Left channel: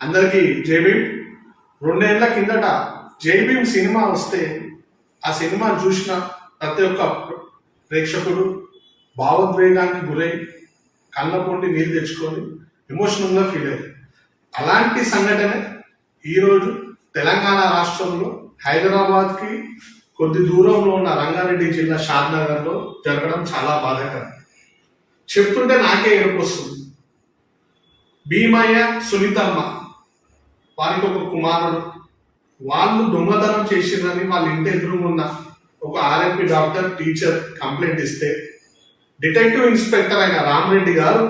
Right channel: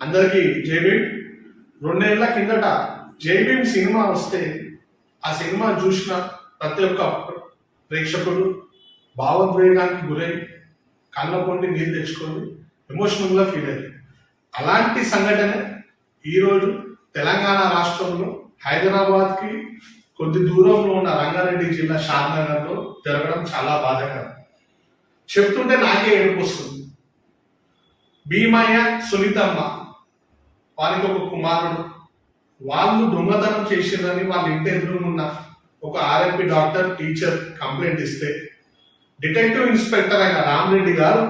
అందరికీ జైబీమ్ రెండేళ్ళ కిందట జైబీమ్ సినిమా వస్తే ఆ సినిమా చూసిన ప్రతి ఒక్క ప్రేక్షకుడు భావోద్వేగానికి గురై కళ్ళ నీరు తెచ్చుకొని ఎమోషనల్గా ఫీల్ అయ్యారు. అలాంటి సంఘటనే ఈరోజు తెలంగాణ రాష్ట్రంలో హైదరాబాద్కి కొద్ది దూరంలో ఉన్న రంగారెడ్డి జిల్లా షాద్నగర్లో జరగడం చాలా బాధాకరం. చెప్తుంటే నాకే ఏడుపు వస్తుంది. భీమయ్య సునీతమ్మ వారికి ఒక కుమారుడు. వాళ్ళు దొంగతనం చేసిందని వాళ్ళ ఇంటి ఎదురుగున్న ఒక ఆర్ఎంపీ డాక్టర్ టీచర్ కంప్లైంట్ ఇస్తే డిటెక్టివ్ ఇన్స్పెక్టర్ అయిన రామరెడ్డి గారు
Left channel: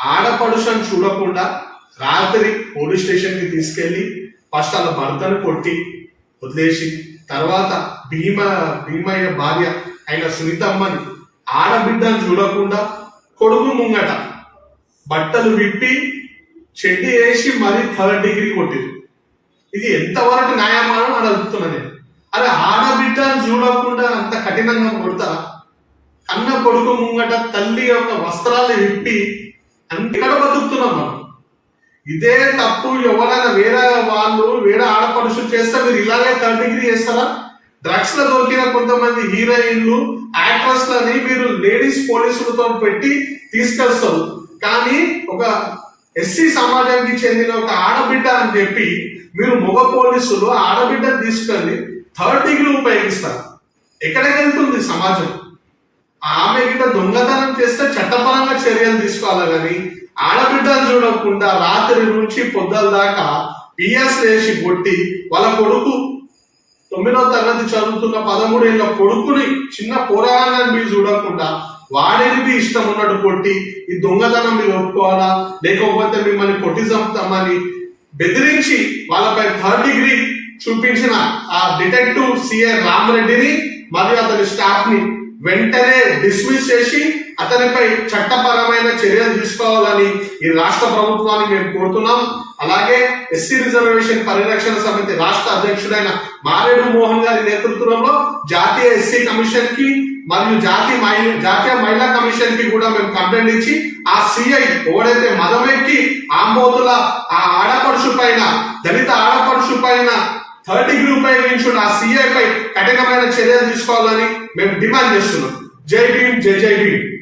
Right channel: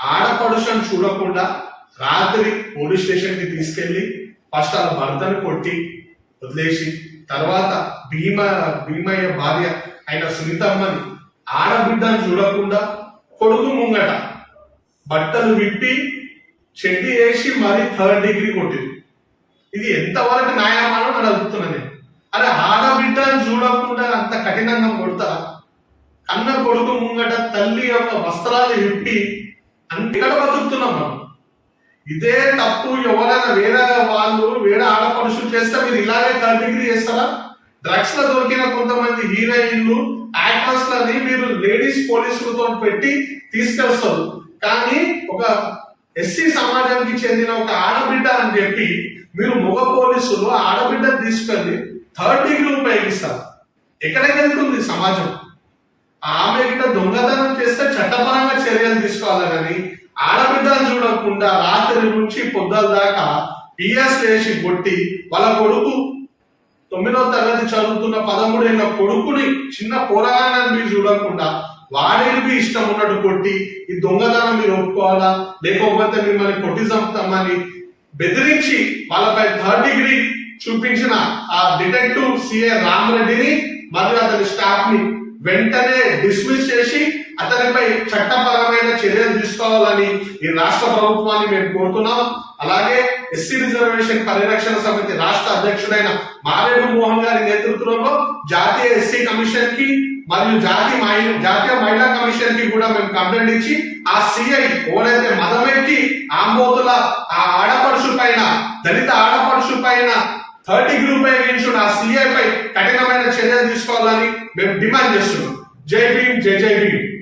ఆడపడుషను చూడకుండా రాత్రి పోలీస్ స్టేషన్కి తీసుకెళ్ళి ఫస్ట్ వాళ్ళ భర్తను కొట్టి వదిలేసి తర్వాత భీమ భీమయ్య భార్య అయిన సునీతమ్మని ఆడబిడ్డను చూడకుండా కొడుకు ముంగట బట్టలు విప్పి చెడ్డి వేసి మరీ థర్డ్ డిగ్రీ కొట్టింది ఇది ఎంతవరకు న్యాయమానం అని అడుగుతున్నా నేను. అరే ఆడబిడ్డను చూడకుండా అంత కఠినంగా కొడతారా కన్న కొడుకు ముంగట తల్లి యొక్క వస్త్రాలు విప్పి అంతక్కడ బతుకుతున్నాం మనం? ఇదే తప్పు ఎవరైనా వేరే వాళ్ళు వేరే ఆడపడుషులు చేస్తే మీరు ఇలాగే థర్డ్ డిగ్రీ చేస్తారా? డ్రగ్స్లో దొరికిన కొంతమంది హీరోయిన్లు యాక్ట్రెస్ లని మీరు లేడీస్ పోలీసులతో పెట్టి తీసుకెళ్తారు. కానీ ఒక ఎస్సీ సమాజానికి చెందిన ఒక ఆడబిడ్డ అని చెప్పి మీరు మగ పోలీసులు ఆడబిడ్డ తీసుకెళ్ళి థర్డ్ డిగ్రీ ఉపయోగిస్తారు. ఎక్కడికి వెళ్తుంది సమాజం. ఆమె గిట్ట దొంగతనం చేస్తే చట్టపరంగా చర్యలు తీసుకోవాలి కానీ ఆడబిడ్డలు చూడకుండా రాత్రి నుంచి పొద్దుల దాకా పిఎస్ వేసి కొట్టి వాళ్ళ కొడుకు తొమ్మిదవ తరగతి చదువుతున్న పదమూడేళ్ళ కొడుకుని చిన్న పోరాగాన్ని మీరు చూడకుండా వాడికి ఇష్టం ఉన్నట్టు కొట్టి ఈ దొంగతనం మీరు ఒప్పుకోవాలా? లేకపోతే మిమ్మల్ని కొట్టి చంపుతామని బెదిరించి వాళ్ళపై థర్డ్ డిగ్రీ చూపించిన ఆ డిటెక్టివ్ సిఏ రామరెడ్డిని మరియు అతని స్టాఫ్ని వెంటనే డిస్మిస్ చేసి అతనిపై చట్టపరమైన చర్యలు తీసుకోవాలని ఈ రాష్ట్ర ప్రభుత్వాన్ని మేము కోరుతున్నాం. అలాగే ఎస్సీ రిజర్వేషన్ పరిరక్షణ సమితి రాష్ట్ర అధ్యక్షుడైన మారేడు మోహన్ గారి నేతృత్వంలో జాతీయ ఎస్సీ కమిషన్కి మరియు జాతీయ జాతీయ మహిళా కమిషన్కి కూడా మేము కంప్లైంట్ ఇచ్చి ఆ సిఐ ఎవడైతే మదమెక్కి ఆంబోతుల ఆ ఆడపడుచు పైన దళిత ఆడపడుచు పైన థర్డ్ డిగ్రీ ఉపయోగించున్న ఆ సిఐ పై కఠినమైన చర్యలు తీసుకోవాలని మేము డిమాండ్ చేస్తున్నాం. జై భీమ్ జై జై భీమ్.